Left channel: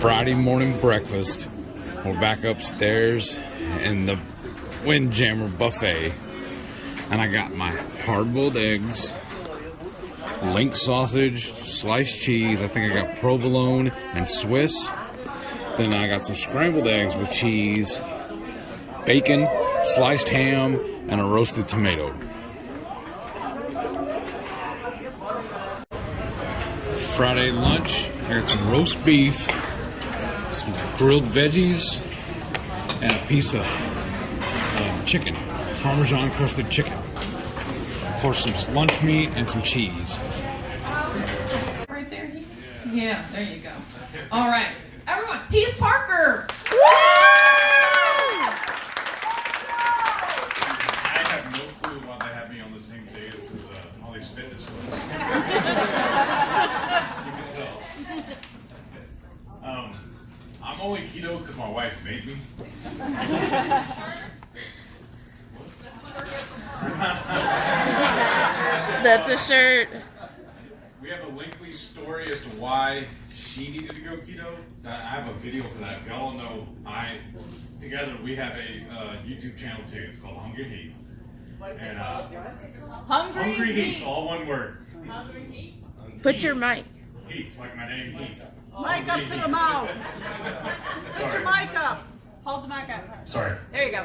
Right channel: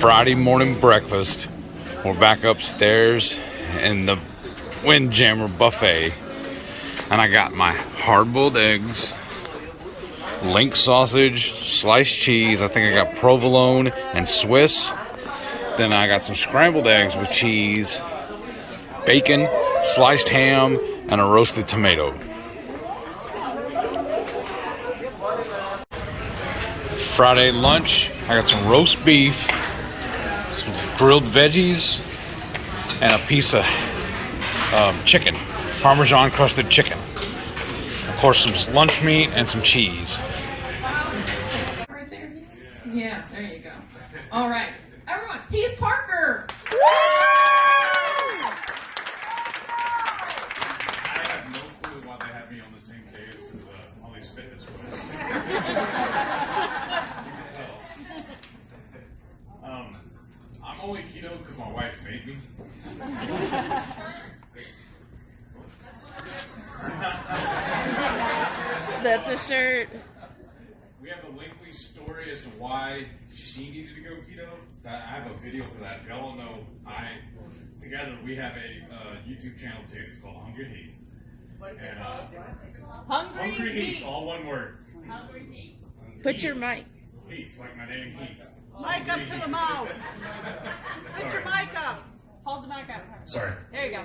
Friday morning breakfast. We're back upstairs in the Windjammer buffet, and I got my hard-boiled eggs, link sausage, sliced cheese. I think I got provolone and Swiss. Then I got some scrambled eggs with cheese, bacon, sliced ham, and a roasted tomato. Friday lunch, I got some roast beef, some grilled veggies, and a piece of chicken, Parmesan crusted chicken. Of course, some lunch meat and some cheese. Right there, Heath? Yeah, there you go. All right, everyone, Heath Parker. I have no clue why they have me on the same dais as all these fitness folks. You can tell. I'm only keto because my wife made me. That's a shirt. We have a lengthy story as to why she needed to go keto. I have a video for that. If y'all don't know, together we have a YouTube channel too. It's called HungryHeath. And HungryHeath, all one word. Put your mic. Heath, like my name, Heath. Mic up to the mouth. Put your Sorry. mic up. Hold the mic up. Sorry. There you go.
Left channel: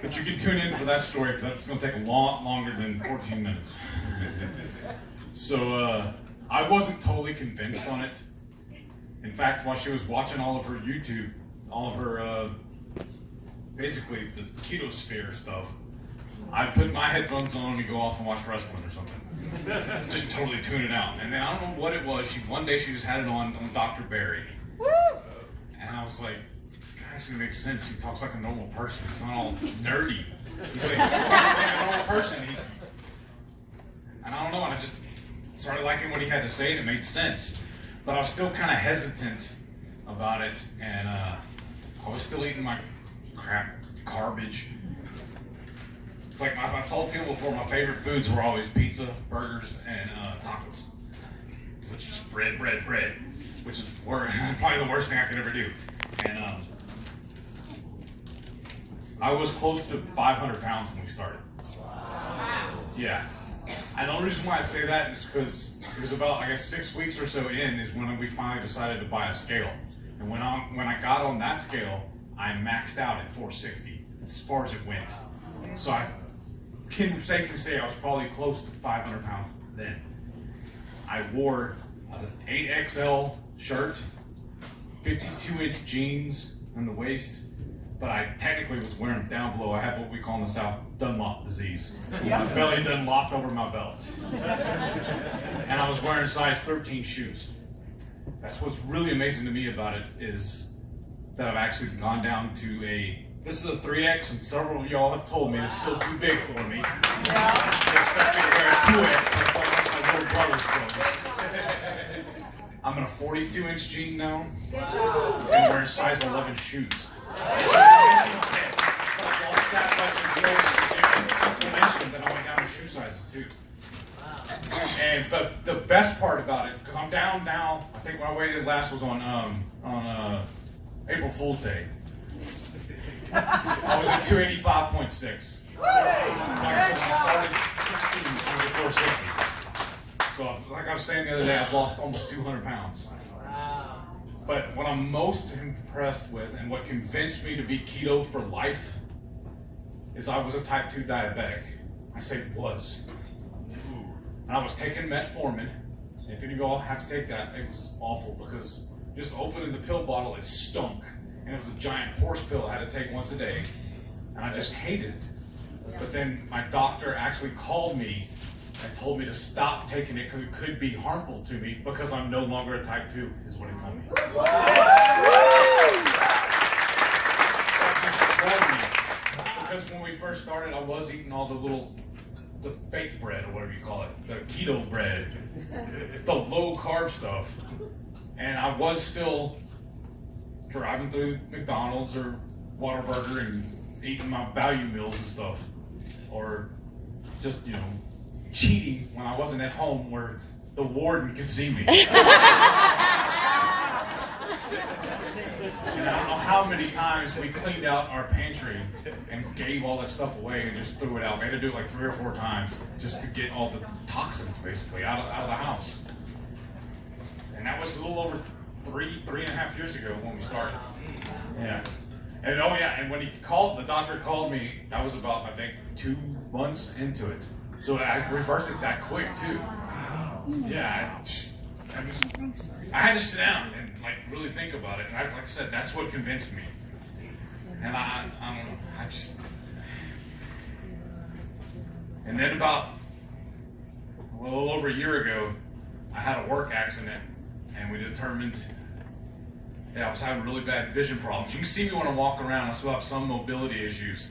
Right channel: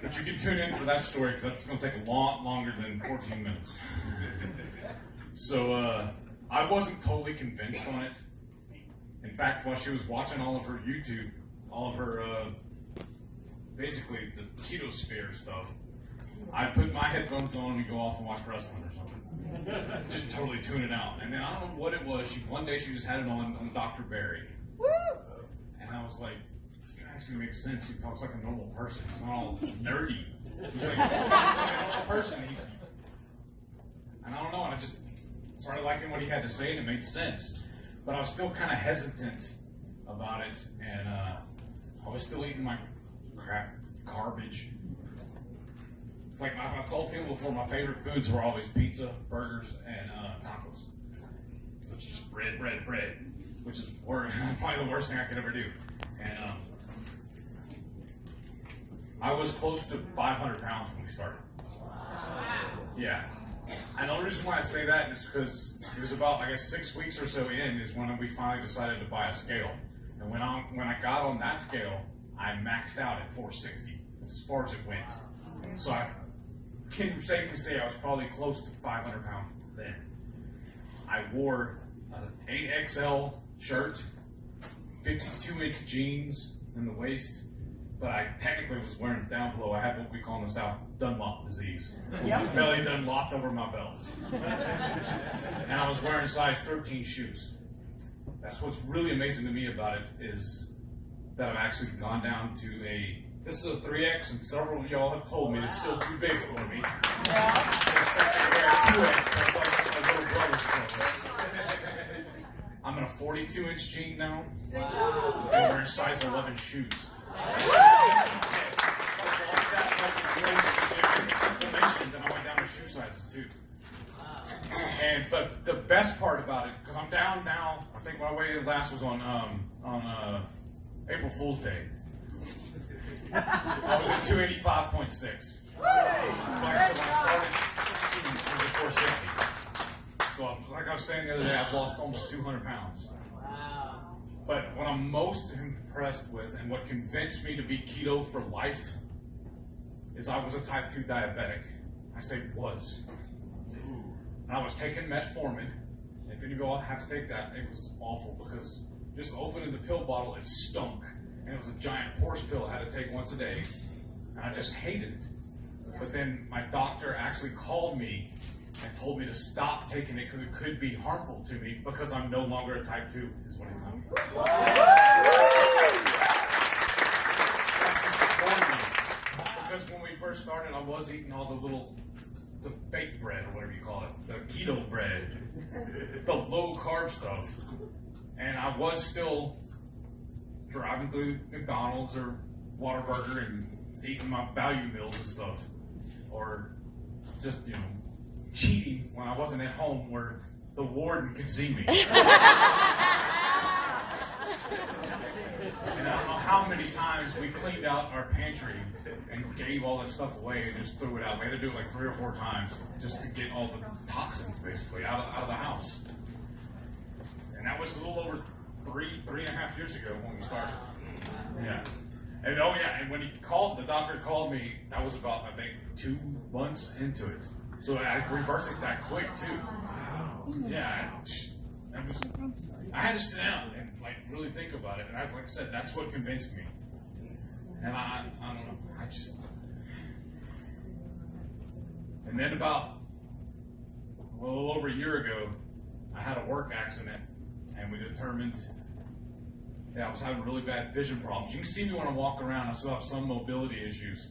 But you can tune in for that story because that's going to take a lot longer than 14 minutes. So I wasn't totally convinced on it. In fact, while she was watching all of her YouTube, all of her basically the keto sphere stuff, I put my headphones on and go off and watch wrestling or something. Just totally tune it out. And then I don't know what it was. One day she just had it on Dr. Barry. And I was like, this guy actually makes sense. He talks like a normal person. He's not all nerdy. He's like a normal person. And I don't know, and I just started liking what he had to say, and it made sense. But I was still kind of hesitant about it, and I was still eating my crap garbage. It's like I've told people before, my favorite foods were always pizza, burgers, and tacos. Which is bread, which is probably the worst thing I could ever do. And I was close to 500 pounds when we started. Yeah. And the only reason why I say that is because it was about, I guess, 6 weeks or so in is when we finally decided to buy a scale. And when I got on that scale, I maxed out at 460, as far as it went. So I can safely say I was probably close to 500 pounds then. I wore an 8XL shirt, 52-inch jeans in the waist, but I technically was wearing down below. I had what we call in the South Dunlop disease. My belly Dunlopped over my belt. And I was wearing size 13 shoes. That's what's really amazing to me about it is that I've actually gone down to this is a 3X, and several of y'all have told me it's still too big for me. Yeah. They expect me to wear a 2X, but it's like that's my little brother's clothes. I'm in a 42-inch jean now. Wow. And wearing size 11 shoes. Then I went down to shoe sizes too. But the best part about it, because I'm down now, I think when I weighed last was on April Fool's Day. I was at 285.6. Like I said, when I started, I was at 460. So, like I was saying the other day, I've lost almost 200 pounds. But what I'm most impressed with and what convinced me to be keto for life is I was a type 2 diabetic. I say was. And I was taking metformin. If any of y'all have to take that, it was awful because just opening the pill bottle, it stunk. And it was a giant horse pill I had to take once a day. And I just hated it. But then my doctor actually called me and told me to stop taking it because it could be harmful to me because I'm no longer a type 2, is what he told me. Because when we first started, I was eating all the fake bread, or whatever you call it, the keto bread, the low carb stuff. And I was still driving through McDonald's or Whataburger and eating my value meals and stuff. Or just, cheating when I wasn't at home where the warden could see me. And I don't know how many times we cleaned out our pantry and gave all that stuff away and just threw it out. We had to do it like 3 or 4 times just to get all the toxins basically out of the house. And that was a little over 3.5 years ago when we started. Yeah. And oh yeah, and when the doctor called me, that was about, I think, 2 months into it. So I reversed it that quick too. Yeah, I had to sit down and like really think about it. And like I said, that's what convinced me. And I don't know, and then about a little over a year ago, I had a work accident and we determined, I was having really bad vision problems. You can see me when I walk around, I still have some mobility issues.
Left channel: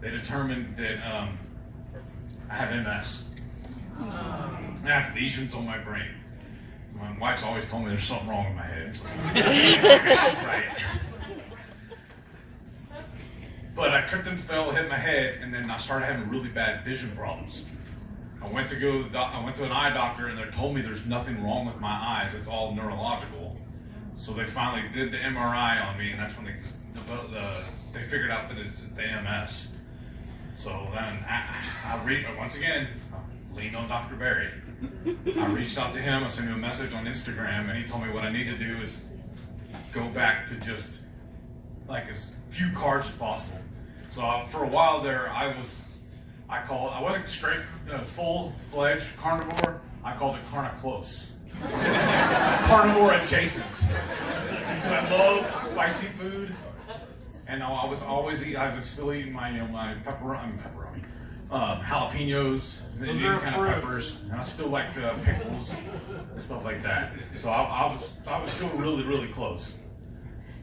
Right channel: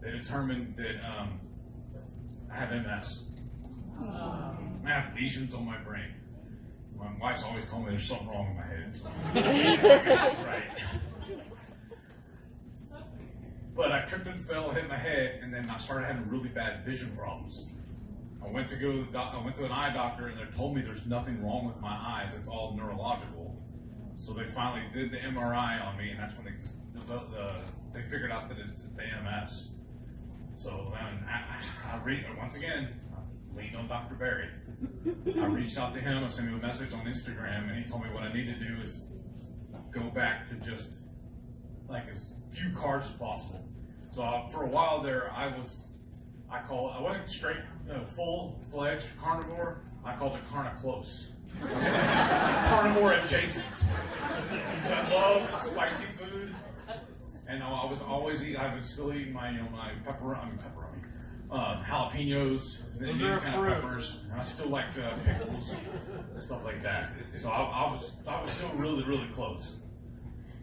They determined that I have MS. I have lesions on my brain. So my wife's always told me there's something wrong with my head. So she's right. But I tripped and fell, hit my head, and then I started having really bad vision problems. I went to an eye doctor, and they told me there's nothing wrong with my eyes. It's all neurological. So they finally did the MRI on me, and that's when they figured out that it's the MS. So then once again, leaned on Dr. Berry. I reached out to him, I sent him a message on Instagram, and he told me what I need to do is go back to just like as few carbs as possible. So for a while there, I wasn't straight, full-fledged carnivore. I called it carna-close. Carnivore adjacent. I love spicy food, and I was still eating my, my pepperoni, jalapenos, and any kind of peppers, and I still like pickles and stuff like that. So I was still really, really close,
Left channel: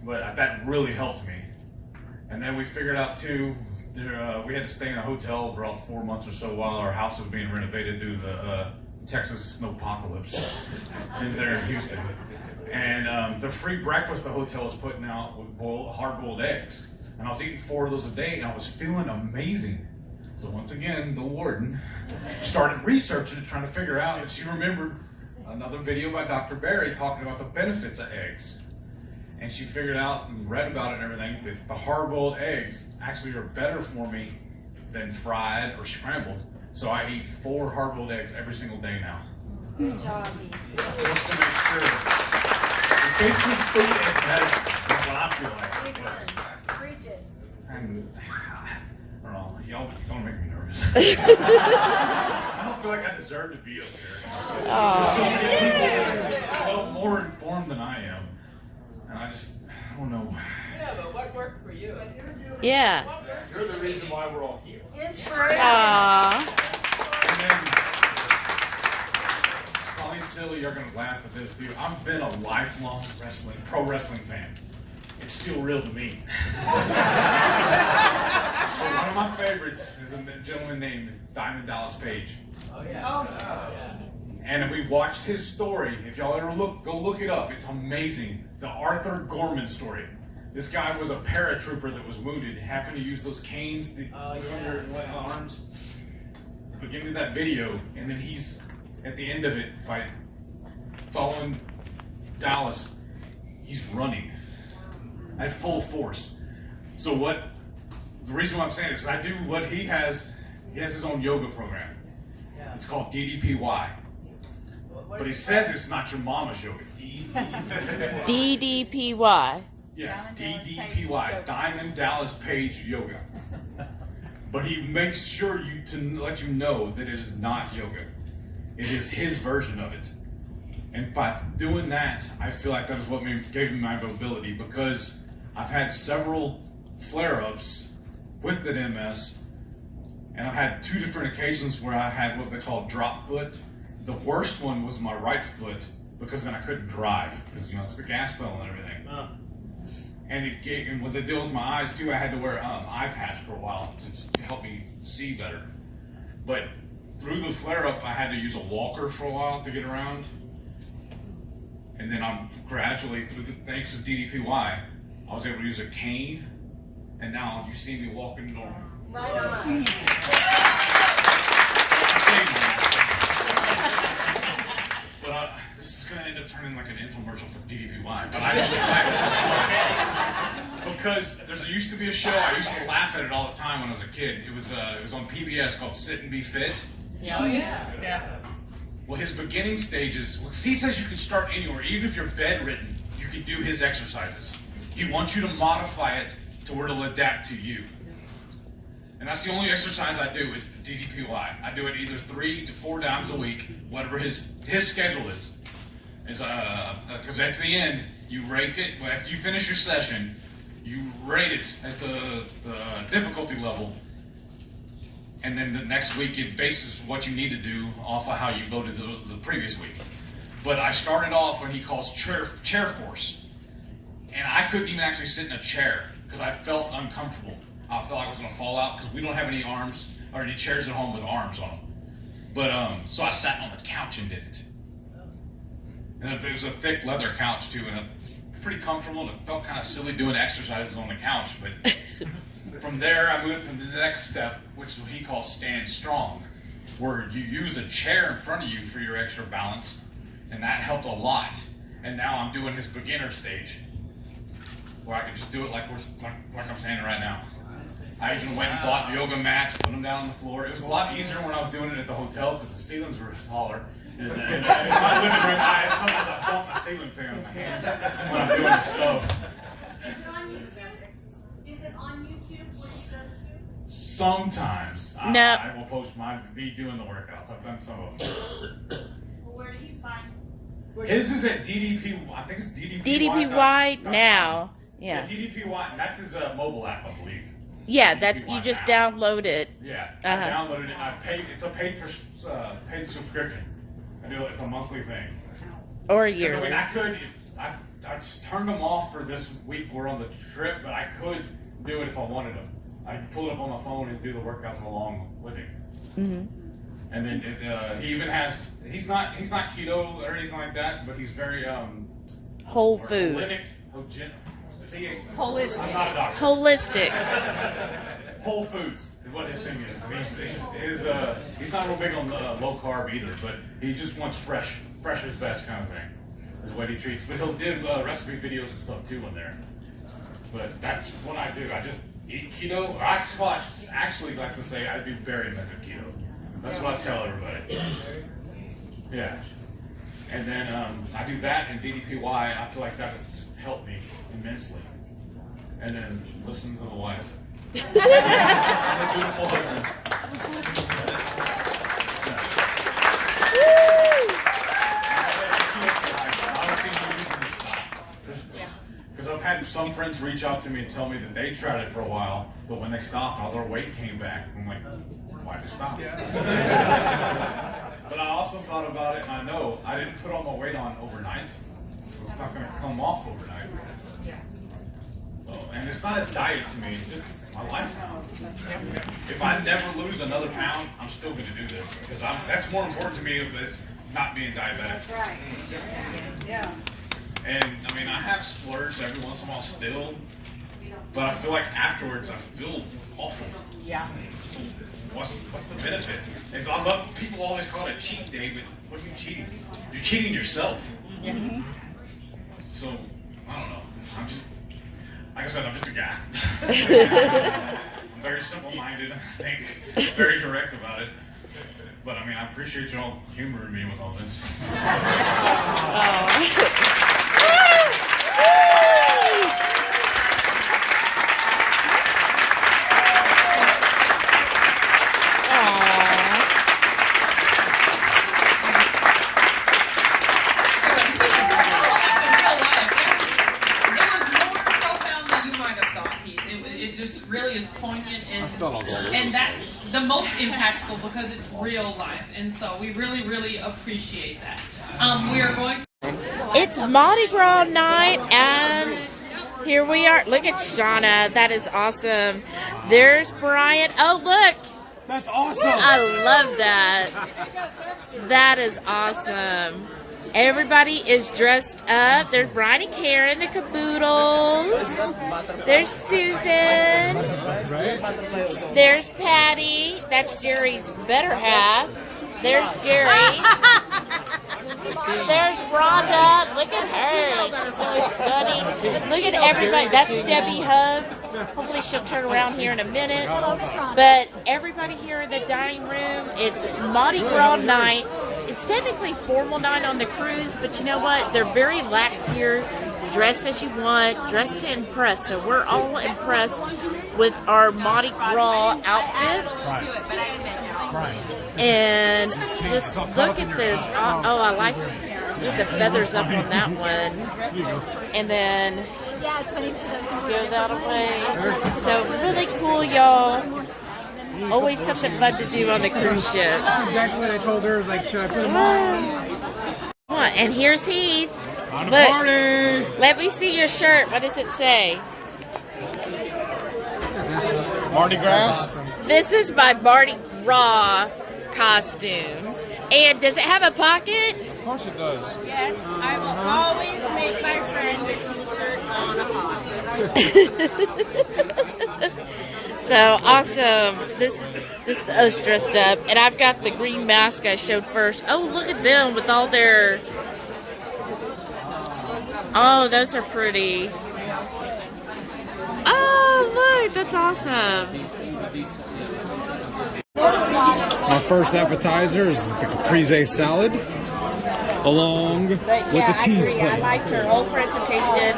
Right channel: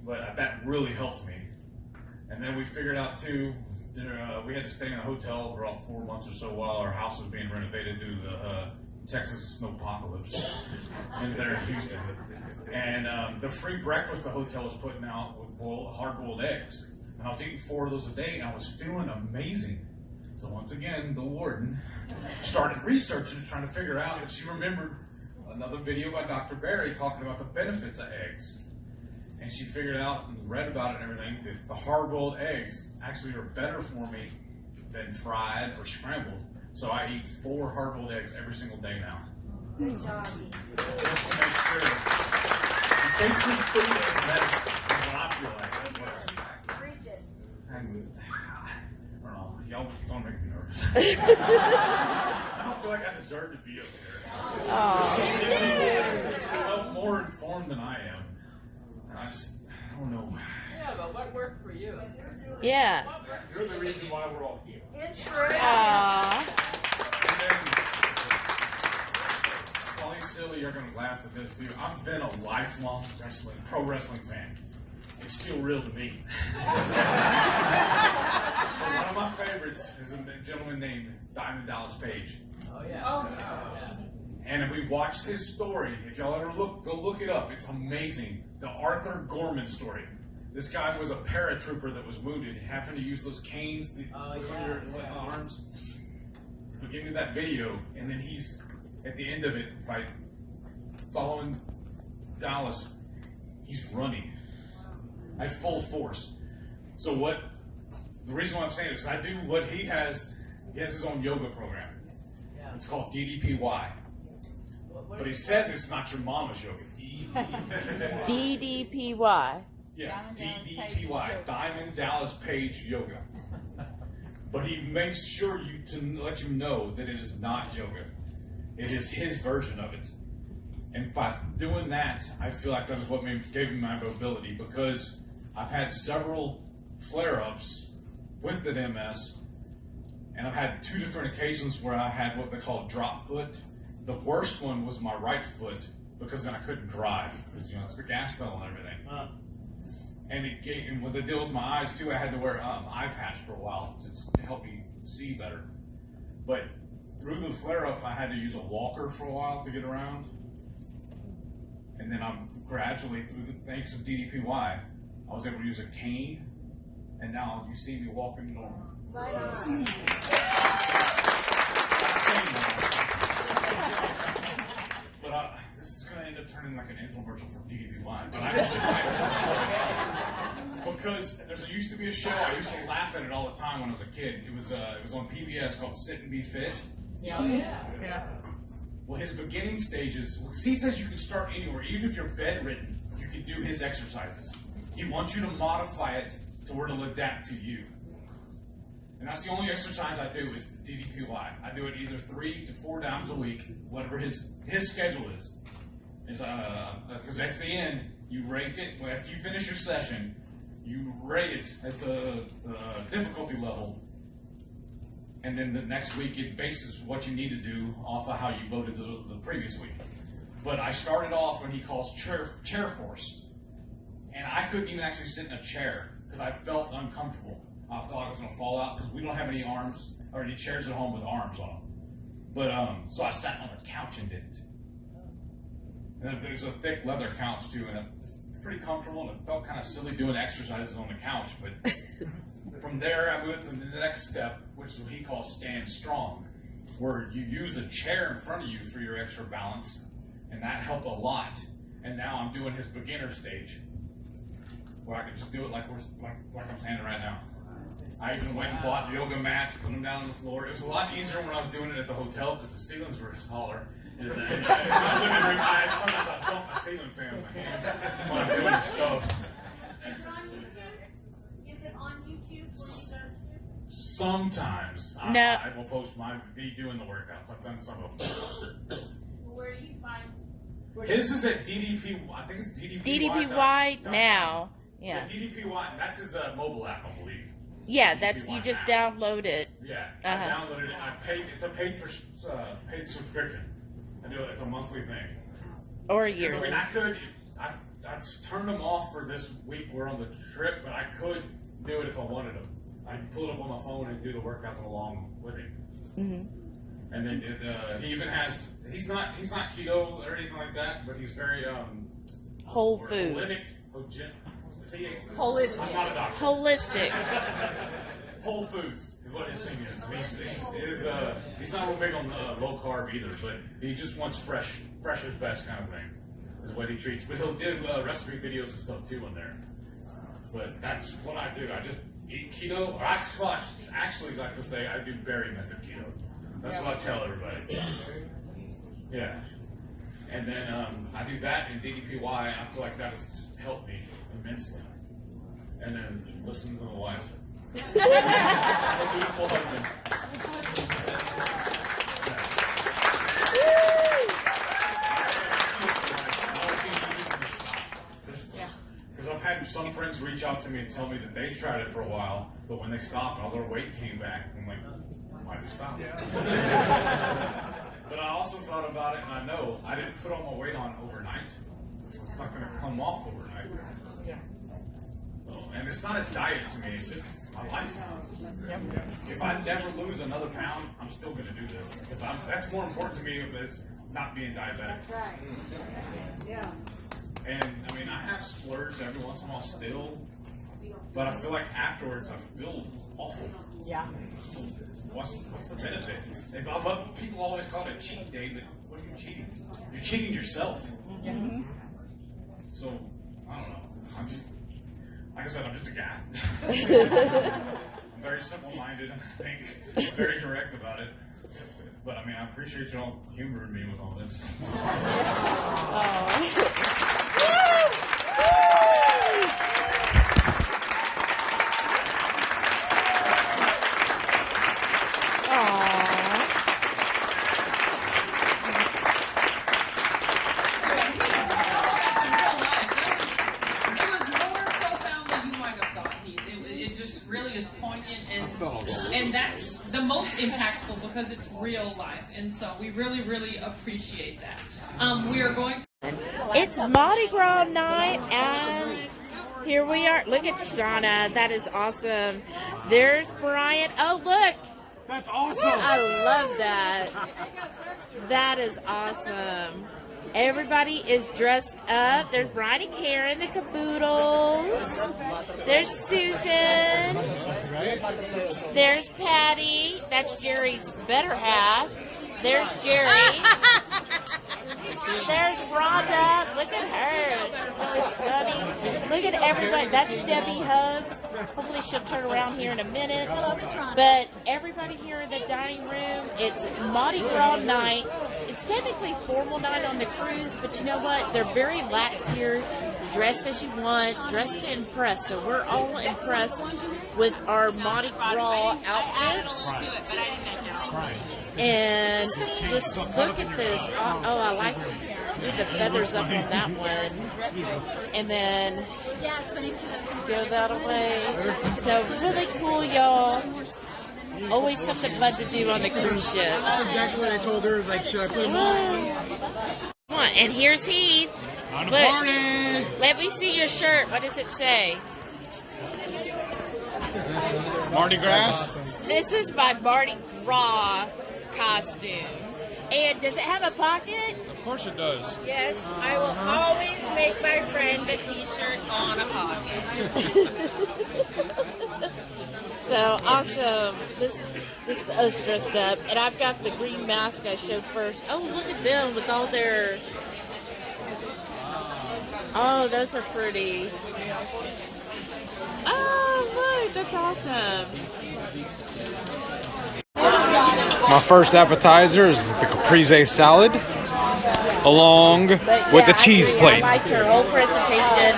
but that really helps me. And then we figured out too, we had to stay in a hotel for about 4 months or so while our house was being renovated due to the Texas snowpocalypse there in Houston. And the free breakfast the hotel was putting out was hard-boiled eggs. And I was eating 4 of those a day, and I was feeling amazing. So once again, the warden started researching it, trying to figure out, and she remembered another video by Dr. Berry talking about the benefits of eggs. And she figured out and read about it and everything that the hard-boiled eggs actually are better for me than fried or scrambled. So I eat 4 hard-boiled eggs every single day now. Good job. Just to make sure. It's basically food as medicine. That's what I feel like it works. Preach it. And I don't know, y'all don't make me nervous. I don't feel like I deserve to be up here. There's so many people that are more informed than I am. And I don't know. Yeah, but what worked for you? Yeah. You're the reason why we're all here. Inspiration. Aww. And then, it's probably silly, you're gonna laugh at this too. I've been a lifelong pro wrestling fan. It's still real to me. So one of my favorites is a gentleman named Diamond Dallas Page. Oh yeah. Oh. And we watched his story. If y'all ever go look it up. It's amazing. The Arthur Gorman story. This guy was a paratrooper that was wounded, having to use those canes to put your arms. But give me that video, and then he's at the end of it by following Dallas. He's running at full force. So the reason why I'm saying this is I do what he has. He has his own yoga program. Yeah. It's called DDPY. But he says it's not your mama's yoga. DDPY. Yes, DDPY, Diamond Dallas Page Yoga. But he makes sure to let you know that it is not yoga. It is his version of it. And by doing that, I feel like that is what gave me my mobility, because I've had several flare-ups with the MS, and I've had 2 different occasions where I had what they call drop foot. The worst one was my right foot, because then I couldn't drive, because it's the gas pedal and everything. And with the deal with my eyes too, I had to wear an eye patch for a while to help me see better. But through the flare-up, I had to use a walker for a while to get around. And then I'm gradually, thanks to DDPY, I was able to use a cane, and now you see me walking normal. Right on. But this is going to end up turning like an infomercial for DDPY. But I just Because used to be a show, I used to laugh at it all the time when I was a kid. It was on PBS called Sit and Be Fit. Oh, yeah. Yeah. Well, his beginning stages, he says you can start anywhere. Even if you're bedridden, you can do his exercises. He wants you to modify it to where it'll adapt to you. And that's the only exercise I do is the DDPY. I do it either 3 to 4 times a week, whatever his schedule is. Because at the end, you rate it. Well, after you finish your session, you rate it as the difficulty level. And then the next week, it bases what you need to do off of how you voted the previous week. But I started off when he calls chair force. And I couldn't even actually sit in a chair because I felt uncomfortable. I felt like I was going to fall out because we don't have any arms or any chairs at home with arms on them. But so I sat on the couch and did it. And it was a thick leather couch too, and pretty comfortable. And it felt kind of silly doing exercises on the couch. But from there, I moved to the next step, which is what he calls stand strong, where you use a chair in front of you for your extra balance, and that helped a lot. And now I'm doing his beginner stage, where I can just do it like I'm standing right now. I even went and bought yoga mats, put them down on the floor. It was a lot easier when I was doing it at the hotel because the ceilings were taller. And in my living room, sometimes I bump my ceiling fan with my hands when I'm doing this stuff. Is it on YouTube? Is it on YouTube where you go to? Sometimes No. I will post me doing the workouts. I've done some of them. Where do you find? His is at DDP. I think it's DDPY. DDPY now. Yeah. DDPY, and that's his mobile app, I believe. Yeah, that's you DDPY just now. download it. Yeah, Uh-huh. I downloaded it. I paid. It's a paid subscription. I do it. It's a monthly thing. Or a Because yearly. I could. I turned them off for this week. We're on the trip, but I could do it if I wanted them. I pull it up on my phone and do the workouts along with it. Mm-hmm. And then he even has. He's not keto or anything like that, but he's very Whole food. Holistic. I'm not a doctor. Holistic. Whole Foods is what his thing is. He's not real big on low carb either, but he just wants fresh is best kind of thing. Is what he treats. But he'll do recipe videos and stuff too in there. But that's what I do. I just eat keto. Or I actually like to say I do berry method keto. That's what I tell everybody. Yeah. And then I do that and DDPY. I feel like that has helped me immensely. And then listen to the wife. I'm a beautiful husband. Because I've had some friends reach out to me and tell me that they tried it for a while, but when they stopped, all their weight came back. I'm like, why'd you stop? But I also thought about it, and I know I didn't put all my weight on overnight, so it's not going to come off overnight. So, and it's not a diet to me, it's just my life now. If I never lose another pound, I'm still going to do this, because that's more important to me than not being diabetic. That's right. Yeah. And I mean, I have splurges every once in a while still, but I feel like afterwards I feel awful. Yeah. What's the benefit? And I love people always call it a cheat day, but what are you cheating? You're cheating yourself. Mm-hmm. So I don't know. I'm just, like I said, I'm just a guy. I'm very simple-minded, I think, very direct about it. But I mean, I appreciate y'all humoring me with all this. Really is poignant and that's the most impactful because it's real life, and so we really, really appreciate that. We are going to. It's Mardi Gras night, and here we are. Look at Shauna. That is awesome. There's Brian. Oh, look. That's awesome. I love that. That is awesome. Everybody is dressed up. There's Brian and Karen, the caboodles. There's Susan. There's Patty. That's Jerry's better half. There's Jerry. There's Rhonda. Look at her. She's always stunning. Look at everybody. That's Debbie Hubbs. Hopefully she'll turn around here in a minute. But everybody here in the dining room, it's Mardi Gras night. It's technically formal night on the cruise, but you know what? They're very lax here. Dress as you want, dress to impress. So we're all impressed with our Mardi Gras outfits. And just look at this. Oh, I like the feathers up on that one. And then go that away. So really cool, y'all. Always something fun to do on the cruise ship. That's exactly what I told her. I was like, should I put them on? Come on, and here's Heath. On a Look, party! let me see your shirt. What does it say? Mardi Gras? This is my Mardi Gras costume. And does it have a pocket? Of course it does. Yes, I will always make my friend a t-shirt on a pocket. So awesome. This is us dressed up. And I've got the green mask I showed first. Oh, look at them with all their... Oh, those are pretty. Oh, look, that's awesome. My first appetizer is the caprese salad, along with the cheese plate. I liked her whole presentation.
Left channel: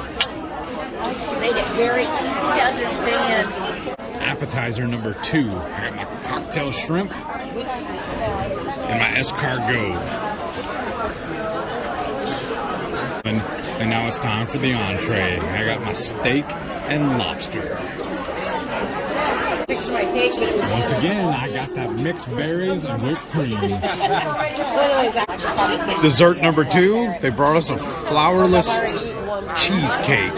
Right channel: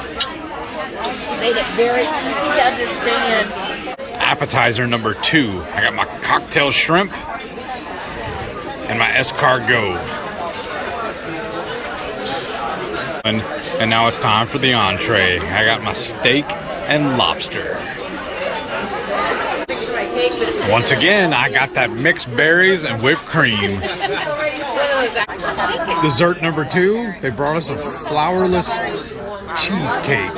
She made it very easy to understand. Appetizer number 2, I got my cocktail shrimp and my escargot. And now it's time for the entree. I got my steak and lobster. Once again, I got that mixed berries and whipped cream. Dessert number 2, they brought us a flourless cheesecake.